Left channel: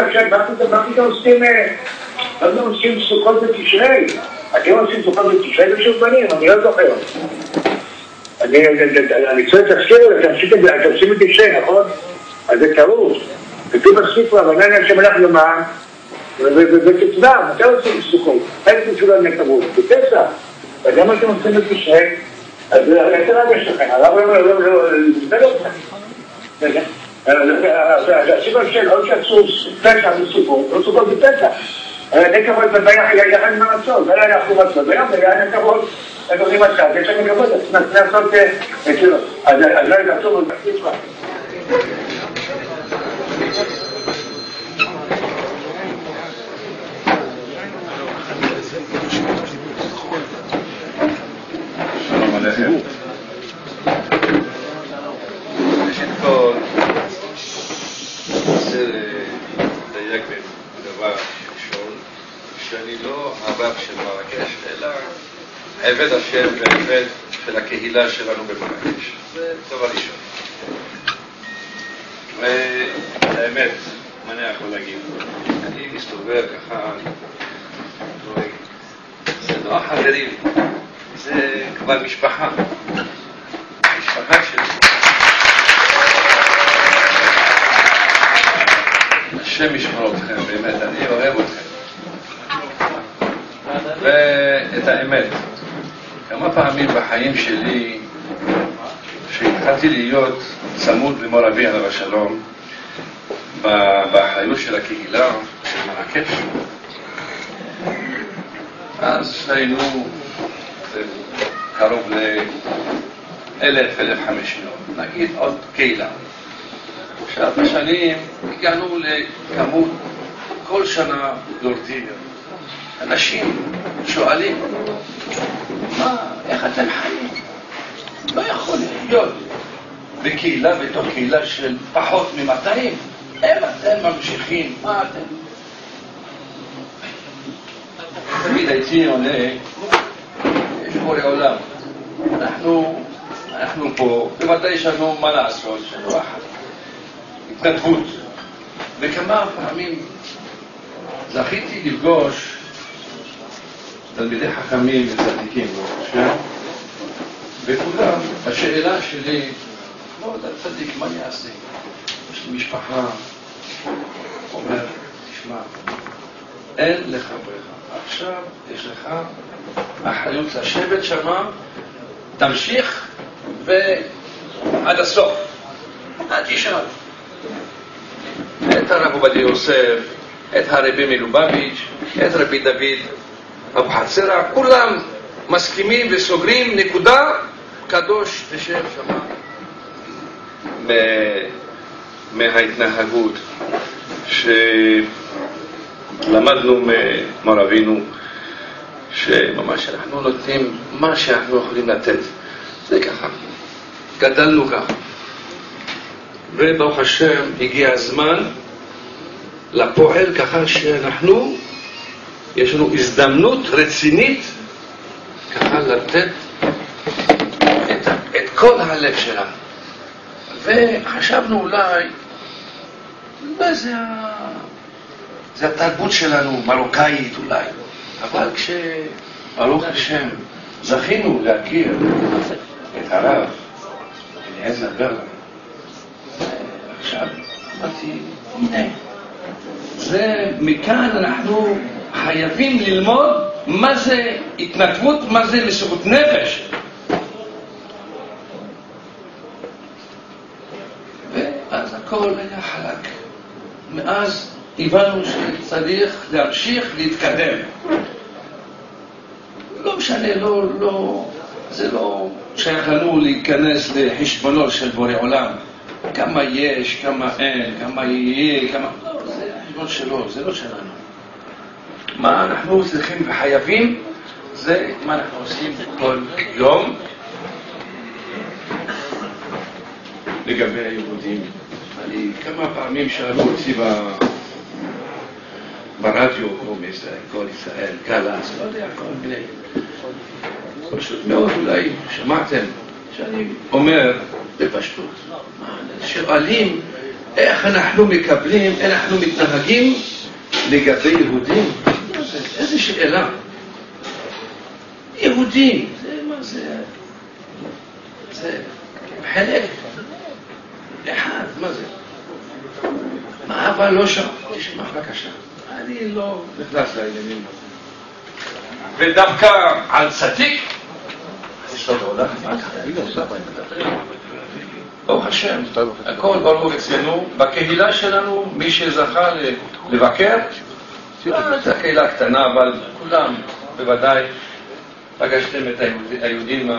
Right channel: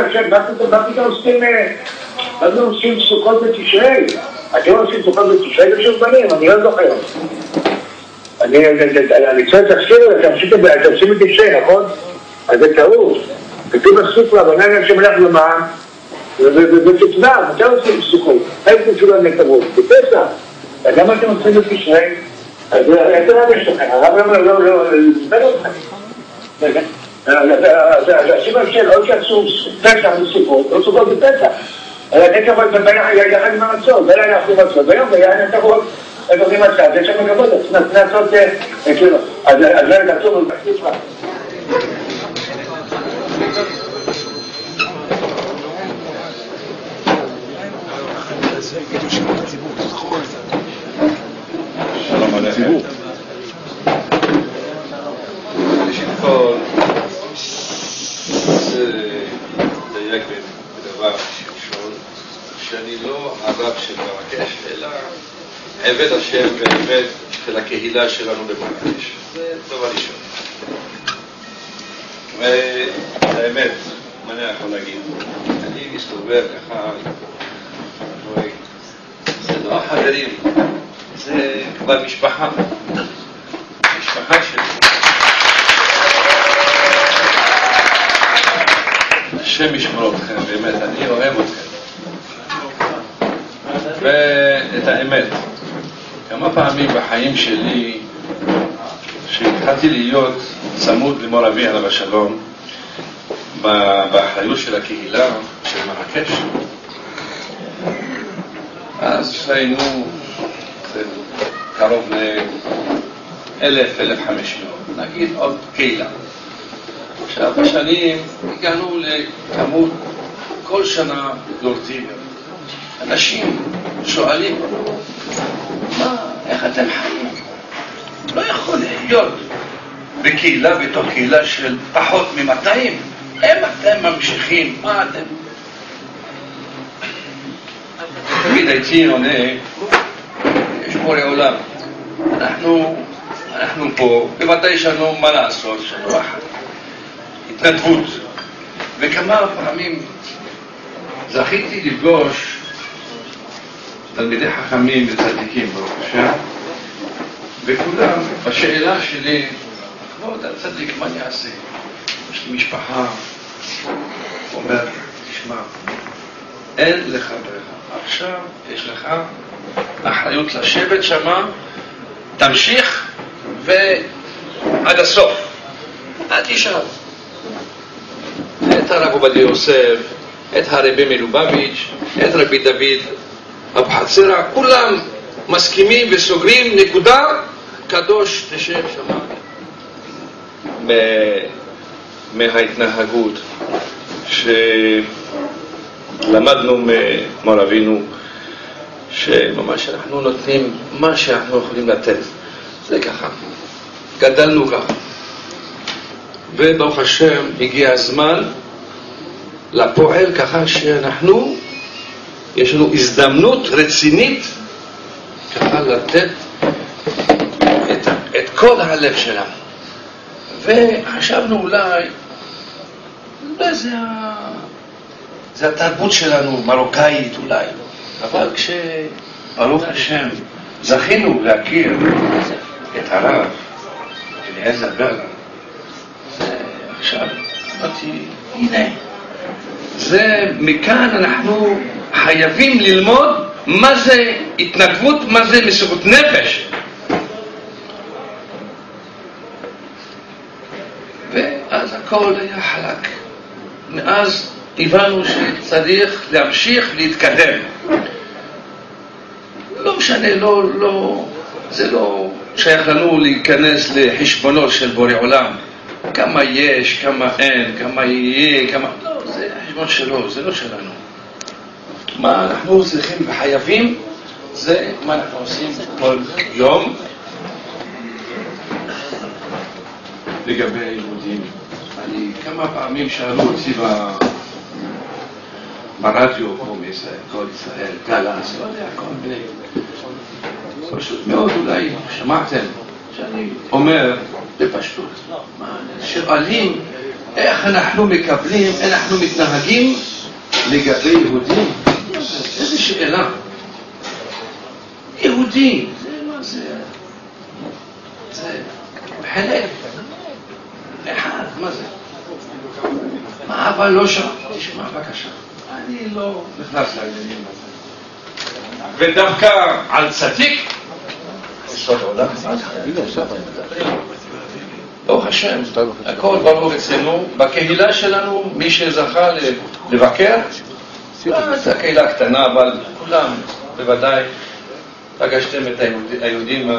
מה פתאום עושים סוכות בתשרי? אתם עושים סוכות בתשרי בשביל בנים, אני לא זוכר. אני צריך להחשיר, אתם עושים בתשרי, נכון? אז זה טעות. כתוב בספר, אבל אני שמלך למען, ובתצבע, מתי עושים סוכות? איך תשאולו נקבות? בפסח. אז למה אתם עושים בתשרי? אז איזה רב יש לכם? הרב לא נדבר אתכם. אז הסיבה של עוד שעשו פסח בסוכות, לא סוכות בפסח. אין כבוד יחד עם המצות, בין אנחנו מצות, בין אין כבוד עם מצות, יש שם כבוד, אז נעשות כאילו, אז לא ידעצו ובחצית מה. שלום עליכם. ראשית כל, זה דייק בדבר ראשון, שאני לא הרב של מרקש, אלא עבד השם ועבד של הקהילה שלנו במרקש. זה דבר ראשון. והאמת, מה אני יכול להגיד? אני מסתובב ככה, זה לא החברים, זה כבר משפחה. משפחה שלי. השם ישמור אתכם, באמת, אני אוהב אתכם. ואת האמת, כמה פעמים בחיים שלי, שהתחלתי להיות צמוד למור אבי עליו השלום, באחריות של הקהילה של מרקש, אז היינו קרוב ל-1,000-1,500, נגיד עוד קהילה. עכשיו בשנים הגענו לכמות כל שנה דורתית. אנשים שואלים, איך אתם חיים? לא יכול להיות בקהילה, בתוך קהילה של פחות מ-200. אם אתם ממשיכים, מה אתם? תמיד הייתי עונה, יש בורא עולם. אנחנו פה, בוודאי יש לנו מה לעשות, יש לנו התנדבות. וכמה פעמים זכיתי לפגוש תלמידי חכמים וצדיקים, ברוך השם, וכולם, השאלה שלי, כבוד הצדיק, מה אני אעשה? יש לי משפחה, אומר, תשמע, אין לך ברירה. עכשיו יש לך אחריות לשבת שמה, תמשיך ועד הסוף. אל תשאל. את הרב עובדיה יוסף, את הרבי מלובביץ', את רבי דוד אבוחצירא, כולם מסכימים וסוגרים, נקודה, קדוש תשב שם. מההתנהגות שלמדנו ממר אבינו, שממש אנחנו נותנים מה שאנחנו יכולים לתת. זה ככה. גדלנו ככה. וברוך השם הגיע הזמן לפועל ככה שאנחנו, יש לנו הזדמנות רצינית ככה לתת את כל הלב שלנו. וחשבנו אולי זה התרבות שלנו, מרוקאית אולי. אבל כשברוך השם זכינו להכיר את הרב אליעזר ברלנד, עכשיו אמרתי, הנה, זה מכאן אנחנו חייבים ללמוד מה זה התנדבות, מה זה מסירות נפש. ואז הכל היה חלק. מאז הבנו שצריך להמשיך להתקדם. לא משנה, זה לא שייך לנו להיכנס לחשבונות של בורא עולם. כמה יש, כמה אין, כמה יהיה, כמה... לא, זה החשבון שלו, זה לא שלנו. מה אנחנו צריכים וחייבים, זה מה אנחנו עושים כל יום. לגבי היהודים, כמה פעמים שאלו אותי ברדיו, פה מישראל, כל ישראל, גלס, לא יודע, כל בני. פשוט מאוד אולי שמעתם שאני אומר בפשטות. שואלים איך אנחנו מקבלים, אנחנו מתנהגים לגבי יהודים? איזו שאלה. יהודים, זה מה זה? זה חלק אחד, מה זה? מה, אבל לא שם? תשמע, בבקשה. אני לא נכנס לעניינים הזה. ודווקא על צדיק, ברוך השם, הכל ברור אצלנו. בקהילה שלנו, מי שזכה לבקר, זו הקהילה קטנה, אבל כולם בוודאי פגשתם את היהודים